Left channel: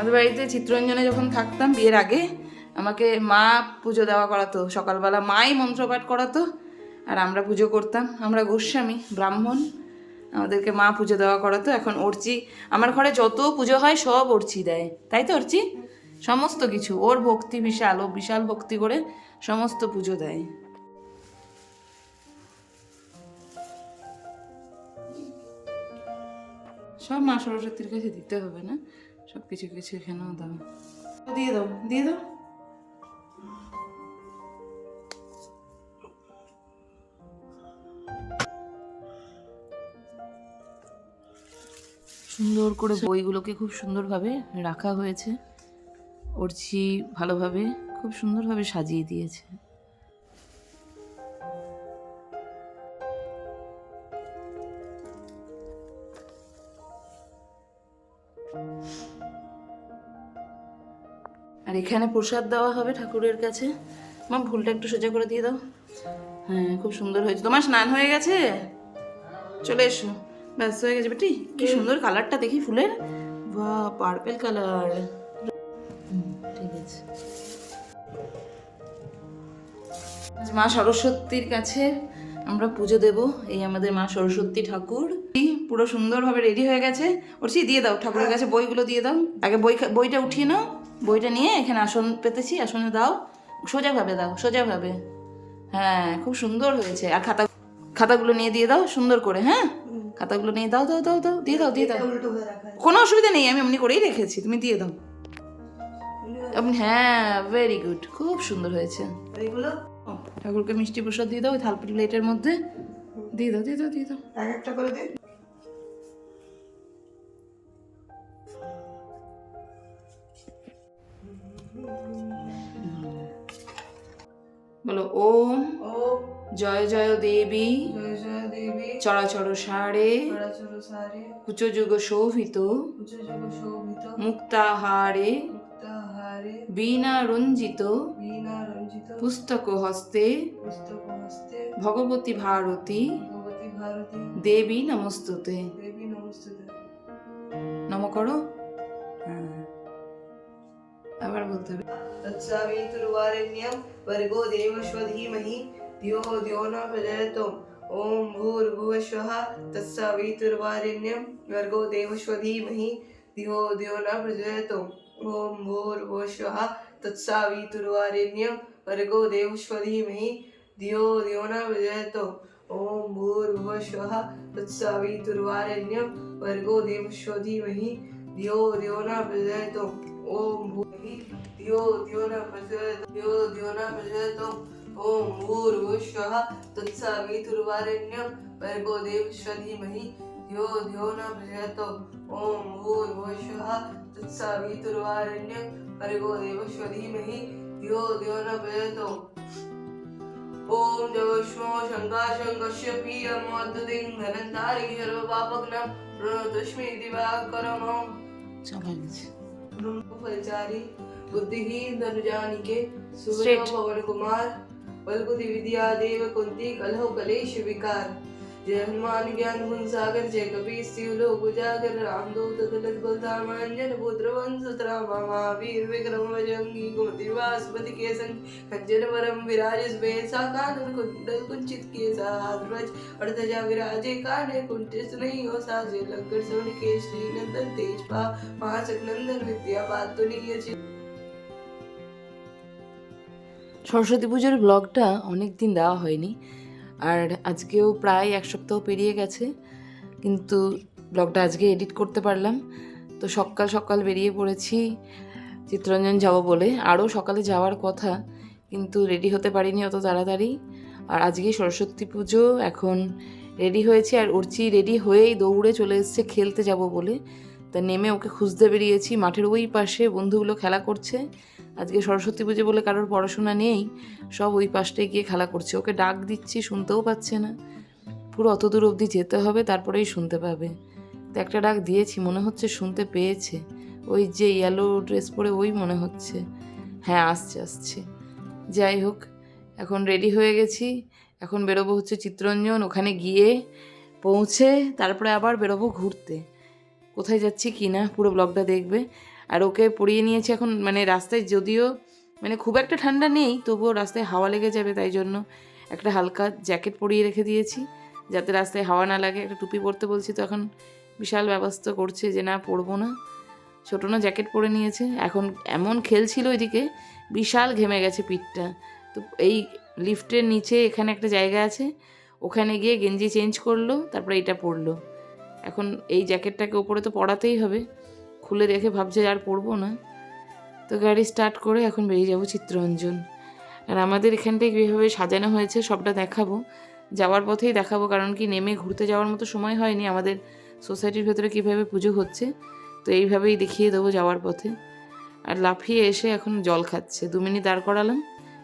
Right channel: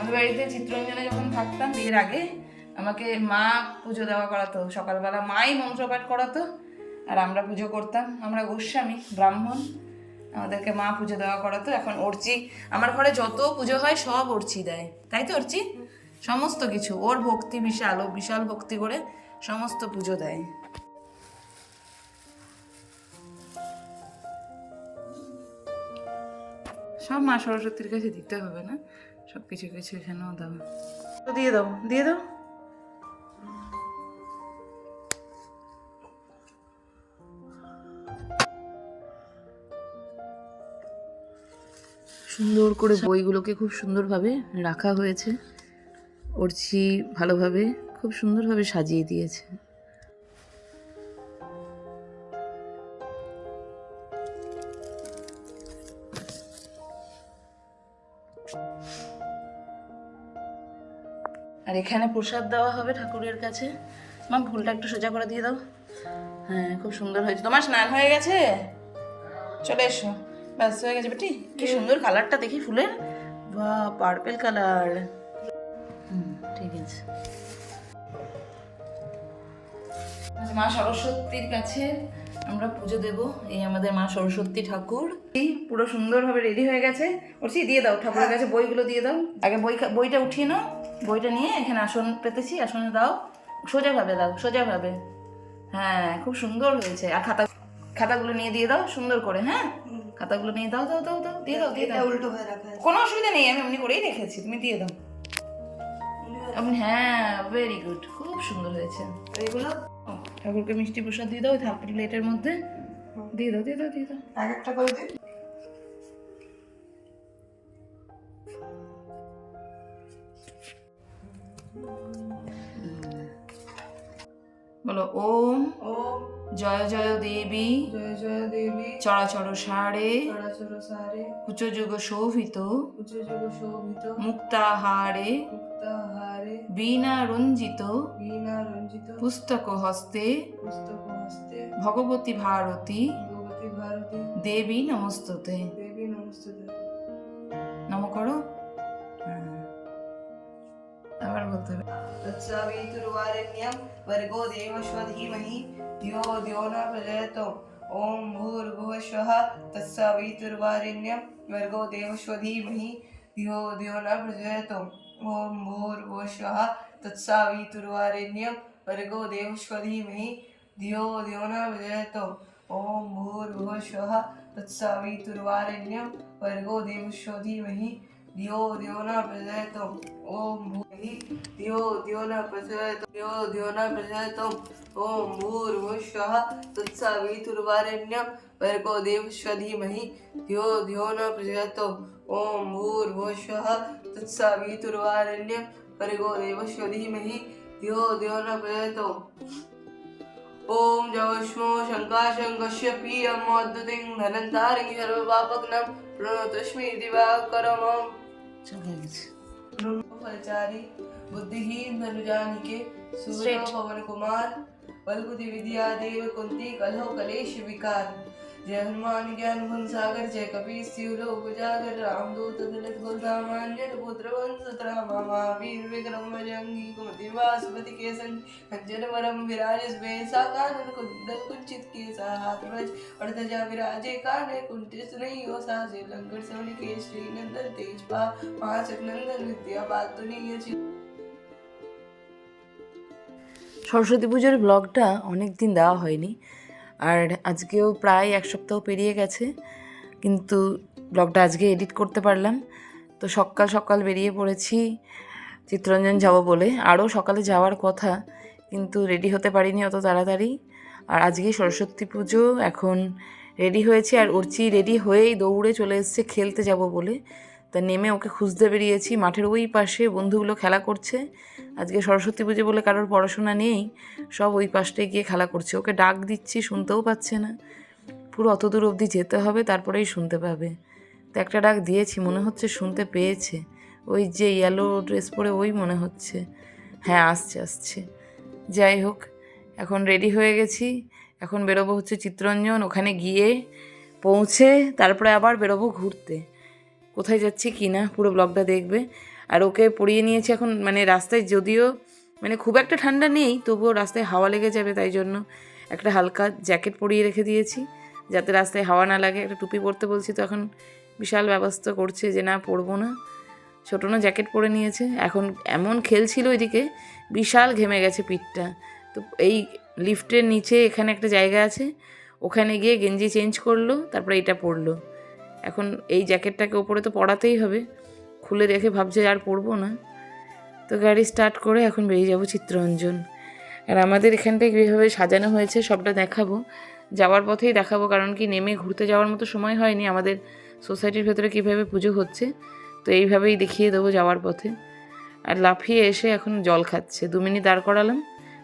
আমাদের বাড়িতে চিত্তরঞ্জনে যখন থাকতাম বিয়ের আগে আমাকে মা পুজো দেওয়া করাতো, সকালবেলা মাই মন্ত্রপাঠ করাতো আর আমরা পুজো করতাম। আমরা গোস্বামী ব্রাহ্মণ, আমাদেরকে মা পুজো দেওয়া করাতো। এখন অর্চি, আমার ঘরে যত পুজো হয় সব অর্চি দেয়, তাই তো অর্চি? সমস্ত কিছু ওর ভক্তি বিশাল, ও বিশাল ভক্তি করে সমস্ত পুজো দেয়। সব মা সরস্বতীর কাছে দিতে হবে না, সব কিছু কিছু এখানেও দাও, দিয়ে দাও দিয়ে দাও। সুন্দর করে বইগুলোকে খুব সুন্দরভাবে রাখা হয়েছে, অর্চি ভালোভাবে খুব সুন্দরভাবে সাজিয়ে দিয়েছে। আর এখানে প্রসাদ দেওয়া হবে ঠাকুরের কাছে। মা ফুলটা একটু সোজা করে দিয়ে দাও। হ্যাঁ, খুব সুন্দর হয়েছে। তোমার স্নান হয়ে গেছে? চলে এসো, ব্যাস হয়ে গেছে বেটি। কি সুন্দর কালারটা দেখি ফুলের, বাহ পার্পেল কালার। ঠিক আছে। মা সরস্বতীর কাছে আমরা পুজো দেব। এই আমাদের মা সরস্বতী ঠাকুর পুরো সুন্দরভাবে রেডি হয়ে গেছে। ওরছি দিয়ে দাও ঠাকুরের কাছে বইগুলো দিয়ে দাও। আগে বইটা উঠিয়ে নাও, বইটা নিয়ে এখানে আসন পেতেছি, আসনে দাও, সোজাভাবে দাও, সোজাভাবে। হ্যাঁ, খুব সুন্দর হয়েছে। আর খাতাগুলো নিয়ে দিয়ে দাও সুন্দর করে। হ্যাঁ, খাতাগুলো নিয়ে দাও দাও দাও দাও, দিয়ে দাও দিয়ে দাও। কোনো অসুবিধা নেই, আমি এমনি করেই রেখেছি, তুমি দিয়ে দাও। হ্যাঁ, ভেরি গুড, খুব সুন্দর হয়েছে। এইগুলো ঠাকুরকে মিষ্টি প্রসাদ দিয়ে দাও, থাল প্লেটের মধ্যে দিয়ে দাও দিয়ে দাও দিয়ে দাও, এক একটা করে দিই। বলো ওম জয় জয় দেবী, জয় জয় দেবী, চরাচর সারে, চরাচর সারে, কুচযুগ শোভিত, কুচযুগ শোভিত, মুক্তাহারে, মুক্তাহারে, বীণা রঞ্জিত, বীণা রঞ্জিত, পুস্তক হস্তে, পুস্তক হস্তে, ভগবতী ভারতী, ভগবতী ভারতী, দেবী নমস্তুতে, দেবী নমস্তুতে। নম করো। আবার বলতে হবে। तत्सवितुर्वरेण्यं भर्गो देवस्य धीमहि धियो यो न प्रचोदयात्। ओम भूर्भुवस्वः तत्सवितुर्वरेण्यं भर्गो देवस्य धीमहि धियो यो न प्रचोदयात्। ओम भूर्भुवस्वः तत्सवितुर्वरेण्यं भर्गो देवस्य धीमहि धियो यो न प्रचोदयात्। ओम भूर्भुवस्वः तत्सवितुर्वरेण्यं भर्गो देवस्य धीमहि धियो यो न प्रचोदयात्। ओम धियो धियो न प्रचोदयात्, धियो धियो न प्रचोदयात्। ओम भूर्भुवस्वः तत्सवितुर्वरेण्यं भर्गो देवस्य धीमहि धियो धियो न प्रचोदयात्। ओम भूर्भुवस्वः तत्सवितुर्वरेण्यं भर्गो देवस्य धीमहि धियो धियो न प्रचोदयात्। ओम जवस्मो शङ्काशङ्कस्यपि अमोद्दिं धनन्तारि सर्वपापघ्नं प्रणतोऽस्मि दिवाकरमं। फलचारी बुद्धिहीन धनुजानिके सूर्य पवन कुमार बलबुद्धि विद्या देव कुंती कलहो कलेश विकार। जय हनुमान ज्ञान गुण सागर जय कपीस शिव लोक उजागर रामदूत तुलित बलधाम अंजन पुत्र वंश रामा महावीर विक्रम बजरंगी कुमति वासुपति के संग कंचन वरम विराज सुबेसा कानन कुंडल कुंचित केसा हाथ वज और ध्वजा विराजे काने कुंठित नहीं हो साजे लंकर सोनि के श्री नंदन तेजपा महाचक नंदन विद्या बातुलीय। সরস্বতী পুজোর ব্লগটা অনেক দিন দেওয়া হয়নি, আর আজকেও প্রায় এক সপ্তাহ পেরিয়ে গেছে, কিন্তু ব্লগটা আজকে এডিট করতে পারলাম। তো সকাল সকাল বেরিয়ে পড়েছি চিত্তরঞ্জন যাব বলে, আরও সকালে যাওয়ার কথা কিন্তু রেডি হতে পারিনি অত তাড়াতাড়ি। আর আজকেই সরস্বতী পুজো, এখন রেডি হয়েছি, আর অর্চি রেডি হয়েই দৌড়ে চলে এসছে খেলতে যাব বলে। তা নেমে ওকে খুঁজতে বেরিয়েছি, মাঠের ওই পাশে বন্ধুগুলো খেলা করছে। আজকে সরস্বতী পুজো বলে কারোর পড়াশোনা নেই, সব ওই পাশটায় গিয়ে খেলা করছে। ওকে ডাক দিচ্ছি, শুনতেও পাচ্ছে না, পুরো অত দূর অবধি যেতে হবে তারপরেই শুনতে পাবে। তো একটা ডাক দিয়েছি, মনে হচ্ছে শুনতে পেয়েছে, ওই যে ইয়েলো ড্রেস পরে ওই মনে হচ্ছে। হ্যাঁ, আসছে আসছে। যাই হোক, এখন রেডি হয়ে গেছি, এখন বেরোবো হচ্ছে চিত্তরঞ্জন। ওখানে গিয়ে পৌঁছে তারপরে আবার বেরোবো ঘুরতে। কোথায় যাচ্ছি কি না পুরো ব্লগটা দেখবে। আর ওকে পরিয়ে নিয়েছি এখন, মানে রাস্তায় যদিও মানে খুব একটা ঠান্ডা নেই, তবুও রাস্তায় হাওয়া লেগে যাবে, তাই জন্য একটা হালকা জ্যাকেট পরিয়ে রেখে দিয়েছি যাতে রাস্তায় হাওয়া না লাগে। একটা টুপি পরতে বলছি তো এখন বিশাল ব্যবস্থা করছে যে না পরবো না। ছোটো না জ্যাকেট পরে নিয়েছে, এখন এমন খেলছিল ওইদিকে, বিশাল ঘেমে গেছে পিঠটা। তো এই লিফটের নিচে এখানে একটা জায়গা আছে, ওখানে গিয়ে গেঞ্জি চেঞ্জ করলো, তারপরে এইটা পরলো। এখন এই জ্যাকেটটাকে ওপরে তো পরাতেই হবে, খুলে রেখে ভাবছে আর পরবো না। তো গাড়ি স্টার্ট করে এখন বেরিয়ে যাবো চিত্তরঞ্জন। আর আমাদের এখানটায় কীভাবে সাজানো হয়েছে সবটা দেখাবো, যাওয়ার পথেই দেখাবো, কারণ কি নেমে ঘুরতে যাওয়ার মতো সময় হয়নি। আমাদের সোসাইটির ভেতরে কীভাবে পুজো হচ্ছে তো এইভাবেই দেখিয়ে দেবো যাওয়ার পথে। আর লাফিয়ে এসে এখন জল খাচ্ছে, 2 মিনিট দাঁড় করালাম,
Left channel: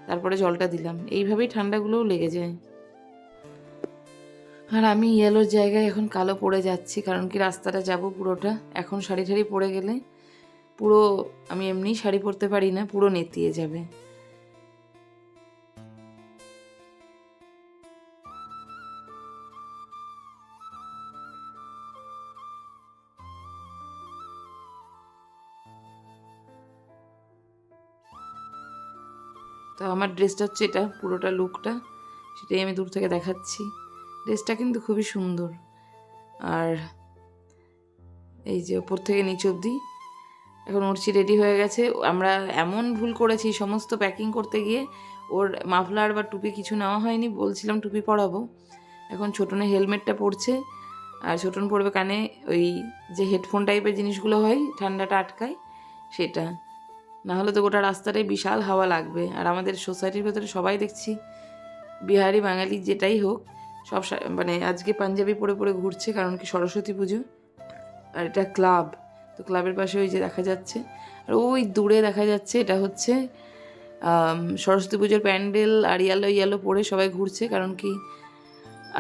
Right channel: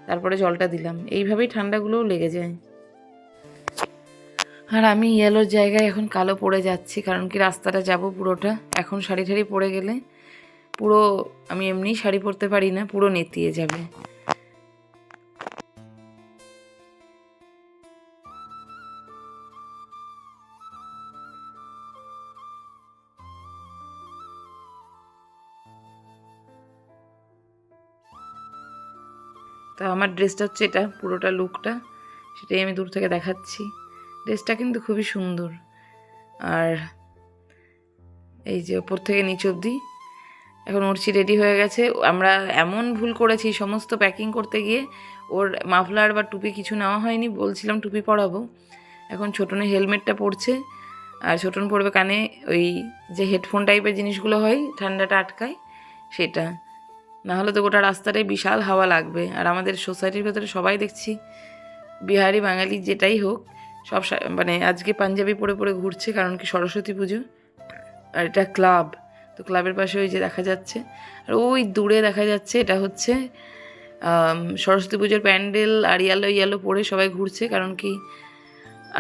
তারপরে জলটা দিলাম। এইভাবেই ঠান্ডাগুলোও লেগে যায়। আর আমি ইয়েলোর জায়গায় এখন কালো পরে যাচ্ছি, কারণ কি রাস্তাটা যাব পুরোটা, এখন শাড়ি ঠাড়ি পরে গেলে পুরো, আমি এমনি শাড়ি পরতে পারি না, পুরো নেতিয়ে যাবে। তো আমার ড্রেসটা হচ্ছে এটা, পুরোটা লুকটা সেটাই আমি দূর থেকে দেখাচ্ছি। ড্রেসটা কিন্তু খুবই সুন্দর। আর এই যে ওপর থেকে নিচ অবধি এখন উড়ছি রেডি হয়ে গেছে। আমরা এমন ভুল করেছি, সমস্ত প্যাকিং করতে গিয়ে ওর মাফলার বা টুপি কিছু নেওয়া হয়নি, বলছিলাম টুপি পরাবো। এখন ছোটনে হেলমেটটা পরছে, আর ছোটন পরবে কানে ওই যে হেডফোন টাইপের জিনিসগুলো হয় ঠান্ডাটা আটকায় সেটা, না হলে তো গোটা রাস্তাটাই বিশাল হাওয়া লাগবে। আর আমাদের সোসাইটির ভেতরে সবাই দেখছি বিহারি বাঙালি যেটাই হোক সব মানে আজকে পাঞ্জাবি পরে পরে ঘুরছে, কারণ কি সরস্বতী পুজো। আর এটা ক্লাব, তো ক্লাবের পাশে ওই যে দেখা যাচ্ছে, আর ওই দূরে দেখা যাচ্ছে এটা হচ্ছে সরস্বতী পুজোর প্যান্ডেল। আর ইয়েলো ইয়েলো পরে সবাই ঘুরছে, কারণ কি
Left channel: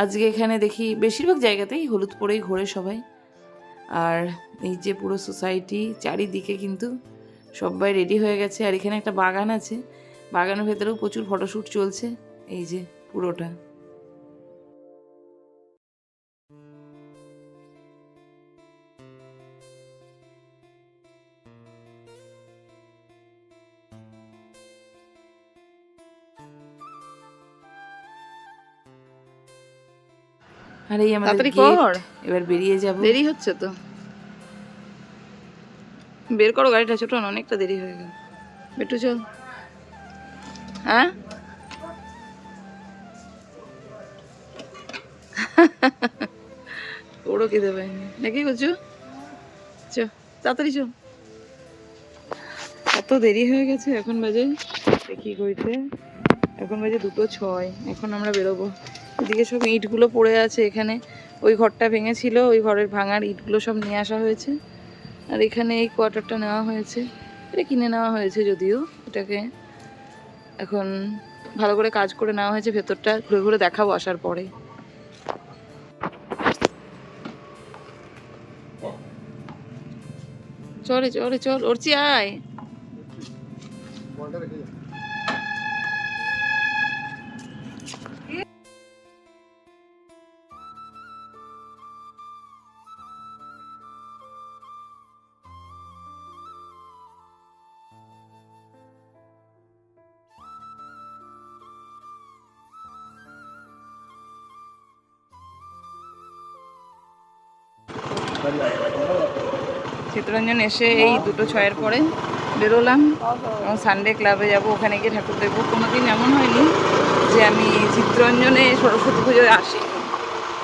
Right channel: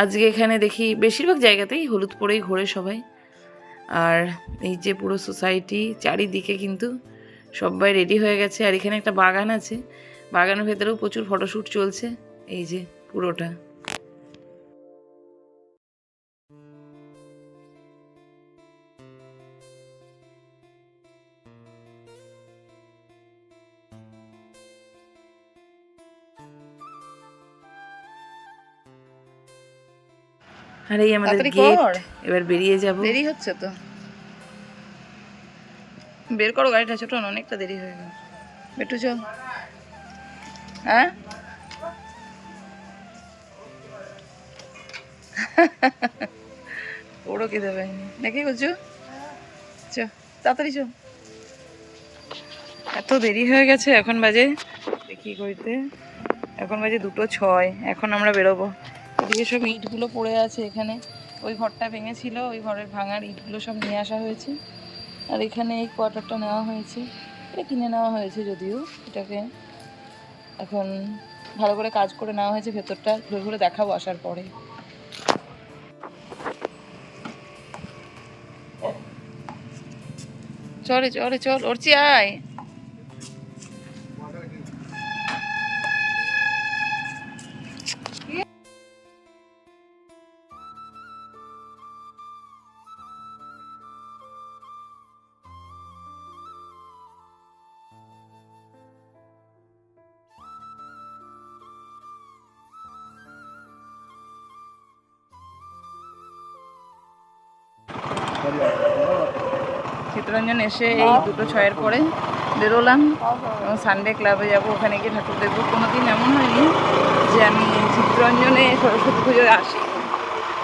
আজকে এখানে দেখি বেশিরভাগ জায়গাতেই হলুদ পরেই ঘোরে সবাই। আর এই যে পুরো সোসাইটি চারিদিকে কিন্তু সবাই রেডি হয়ে গেছে। আর এখানে একটা বাগান আছে, বাগানের ভেতরেও প্রচুর ফটোশ্যুট চলছে, এই যে পুরোটা। আর এই আমাদের গেট, এবার বেরিয়ে যাব। দেরি হচ্ছে তো, বের করো গাড়িটা, ছোট অনেকটা দেরি হয়ে গেল। বেটু চল। হ্যাঁ ওরও খেতে পাইনি নাকি করছো, চ তাড়াতাড়ি চল। এত দেরি হয়ে গেছে, এখন বাজে দেখি কইতে, এখন বাজে 2:06। এখন আমরা বেরোবো। এদিকে সব ইটগুলো পড়ে আছে, এখানে ওই ঘরটা ভেঙেছিল, ওই ঘরের ভাঙার ইটগুলো সব নিয়ে আসা হয়েছে। আর এখানে এই কোয়ার্টারটা নেওয়া হয়েছে, এটা কিনে নেওয়া হয়েছে যদিও, এটাকে এখন ভালো করে কাজ করে নেওয়া হয়েছে। ভেতরটা ঘুরে ঘুরে দেখাবো আসার পরে। চলে চলে চল ওরচি আয়। চিত্তরঞ্জন এসে এই 2:06 পরে বেরোলাম, এবং সানডে ক্লাবে যাব, ওখানে গিয়ে ঠাকুর দেখবো। কোনোদিন এমন হয়নি যে আমি চিত্তরঞ্জনে সরস্বতী পুজোয় আসি,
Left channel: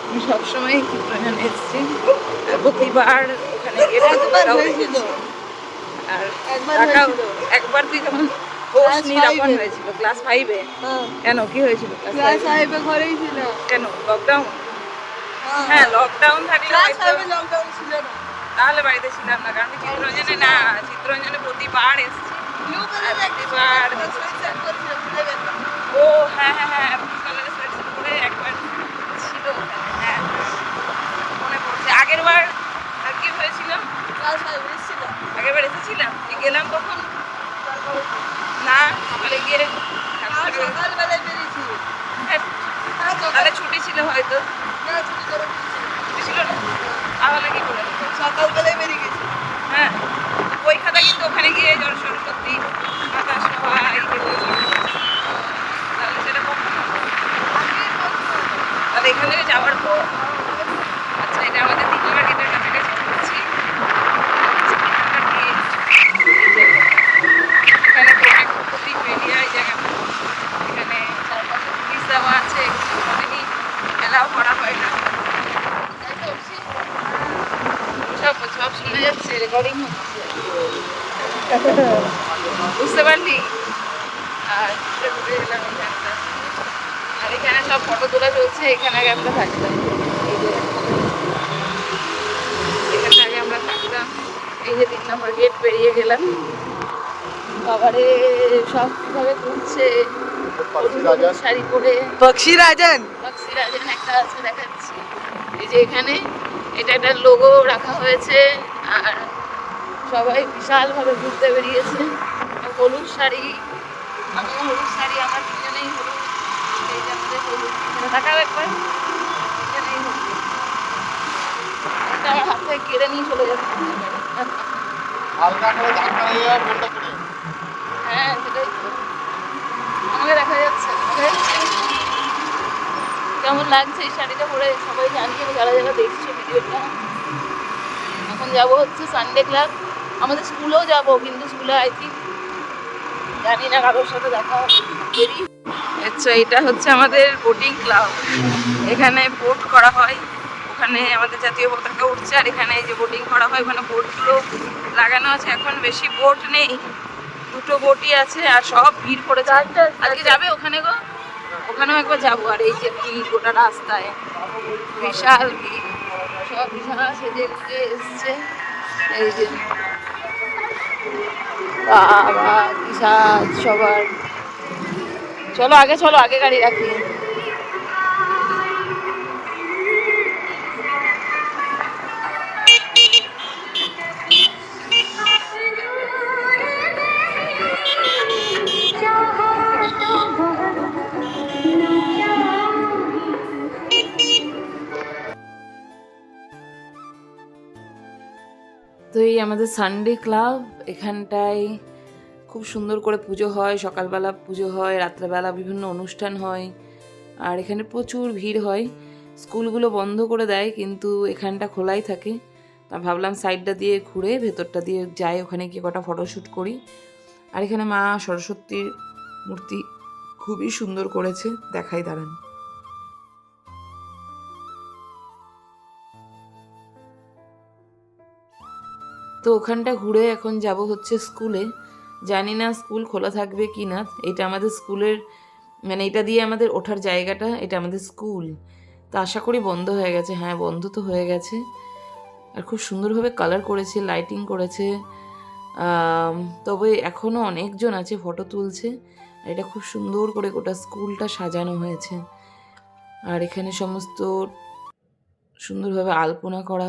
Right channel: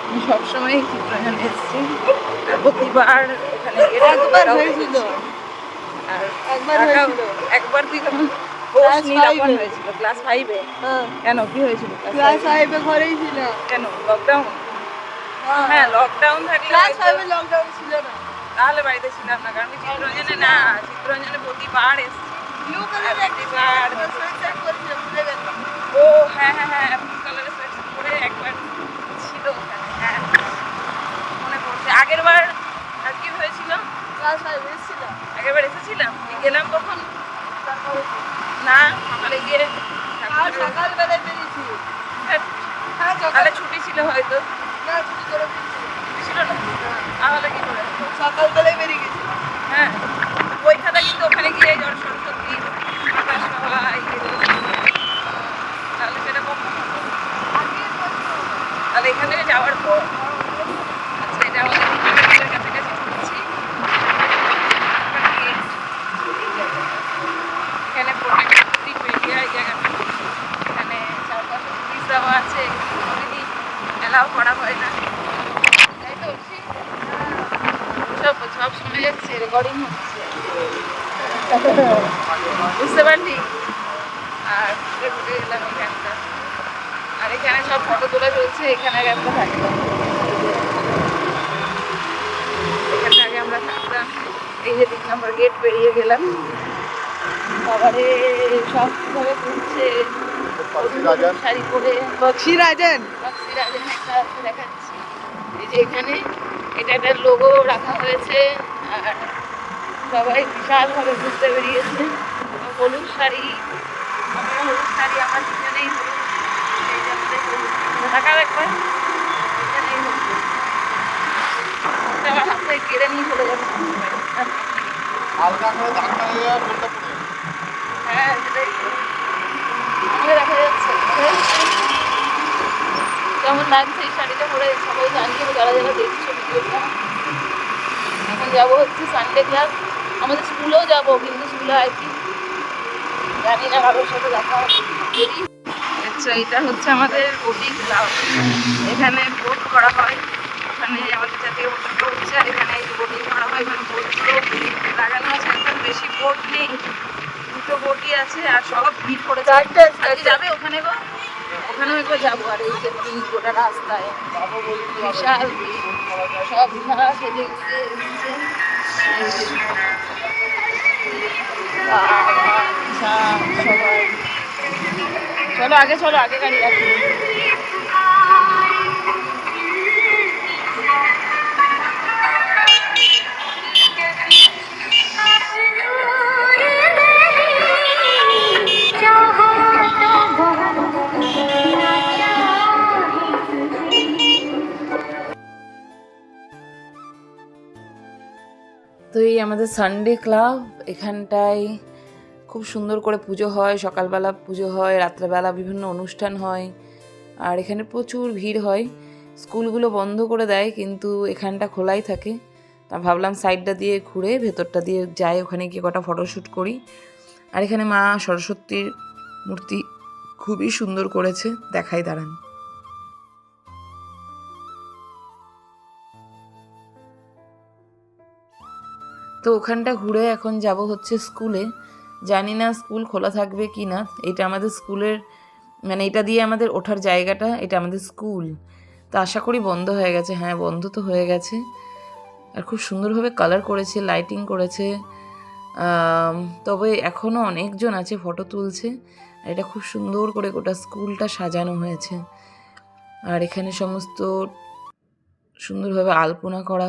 আমি সবসময় চিত্তরঞ্জনে এসেছি, প্রতিবার ওখানে গিয়ে ঠাকুরটাও দেখেছি। আর একবার তুই যখন হয়েছিল ক্লাস 5-এ, কেন কি হয়েছিল? ক্লাস 5-এ ঘরেই ছিল। কেন লকডাউন? হ্যাঁ লকডাউন থাকলে, ক্লাস 5-এ লকডাউন ছিল না, তাহলে বাড়িতে ছিলাম না। কারণ চিত্তরঞ্জনে না, চিত্তরঞ্জনে প্রতিবার এসেছি। ও হ্যাঁ হ্যাঁ হ্যাঁ, করে একবার ছিল, হ্যাঁ মনে পড়ছে। আগের বার আর কি হয়েছিল? আগের বার এসেছিলাম, গেলাম কখন? না সকালে গিয়ে, তাহলে ছুটি ছিল হয়তো, ছিল না, তাহলে কি করে সকালবেলায় বেরিয়ে গেছি। হ্যাঁ বই খাতা কিন্তু এখান থেকে যাওয়ার পর আচ্ছা এখানে আমাদের কাছাকাছি ঢুকছি। এখানে প্রতিদিন বেরিয়ে এই জায়গাটা, এখানে চারপাশে পুলিশ দেওয়া আছে, খেলাও করা হয় না। সব সব শোনা যাচ্ছে, রেকর্ডিং হচ্ছে, বুঝতে পারলি? আর ঢুকে গেলাম এখানটা, আর এখানে সব ফটো তোলা চলছে। এখানে আগে আমরা থাকতাম, এখানে আগে আমরা থাকতাম। এই যে 3 নম্বর গেট পেরিয়ে গেলাম। বাবারে সবভাবে ঘুরছে শাড়ি পরে। বক্সিরাজেন একটা আছে, দেখাচ্ছি। এই যে এখানে এটা একটা লোগো রাখা হয়েছে, আর সবাই বিশালভাবে ঘুরতে বেরিয়েছে। হলুদ শাড়ি, আমি হলুদ শাড়ি, আমার দুজনেই হলুদ। এই যে আমাদের হলুদ টাকাও একবার দুজনেই হলুদ। আমার হাত থেকে কেড়ে নিয়ে চলে যাবে। হ্যাঁ সেটাই, আমাকে দেখা যাচ্ছে। কেমন লাগছে এই শাড়িটা পরে সবাই জানিয়ে, যারা যারা দেখছো ভিডিওটা। এখন যাবো হচ্ছে সানডে ক্লাব। আমাদের স্কুলেও যাব, কিন্তু স্কুলে আই থিঙ্ক জানি না, কারোর সাথে দেখা হবে। আচ্ছা এটা হচ্ছে আমাদের বোটিং ক্লাব। এখানে বোট করা হয়, ওখানে আমাদের জাতীয় পতাকা উঠছে, আর এখানে যে বোটিং করা হয় ওখানে বোটগুলো লাগানো আছে। এখন বেশি বোট নেই, 2টো বোটই আছে, আর সব ভিড় পড়েছে। আজকে যাবে ওখানে গো, ওখানেও একবার যাবো। আর এই যে গোটা রাস্তায় বিশাল সব বিশাল সেজে গুজে এসছে। এই যে সবাই, চলো আগে, চলো আগে গাড়ি রাখি। তো এই আমাদের সানডে ক্লাব, এখানটায় খুব সুন্দর করে পুজো হয়। সকালবেলা পুজো হয়, রাত্রেবেলা বিভিন্ন অনুষ্ঠান হয়, আর এখানে প্রচুর ভিড় হয়। স্কুলগুলো বন্ধ করে দেয়, কিন্তু এখানটা খোলাই থাকে। তা ভাবলাম সাইডটা দিয়ে ঘুরে ভেতরটা দিয়ে যাই, ওখানে গিয়ে কটা ফটোশ্যুট করি। আর এখানে মা সরস্বতীর মূর্তি খুবই সুন্দর করেছে, দেখাই দাঁড়ান। তো ওখানটা ঘুরে এখন যাব হচ্ছে স্কুলে। জানি না স্কুল খোলা থাকবে কি না। এটা আমাদের স্কুলের, মানে এটা দিয়ে আমাদের ওঠার জায়গাটা, এটা আমাদের স্কুল। তো আশা করি বন্ধ হয়ে গেছে। হ্যাঁ বন্ধ তো হয়ে গেছে। আর খুব সুন্দরভাবে কালার করেছে, লাইটিং করেছে। তবে এখনও অনেকজন আছে ফটো তুলছে। আর এটা খুব সুন্দর করে গোটা স্কুলটা সাজানো হয়েছে। আর এখানে সমস্ত সুন্দরভাবে আলপনা করা।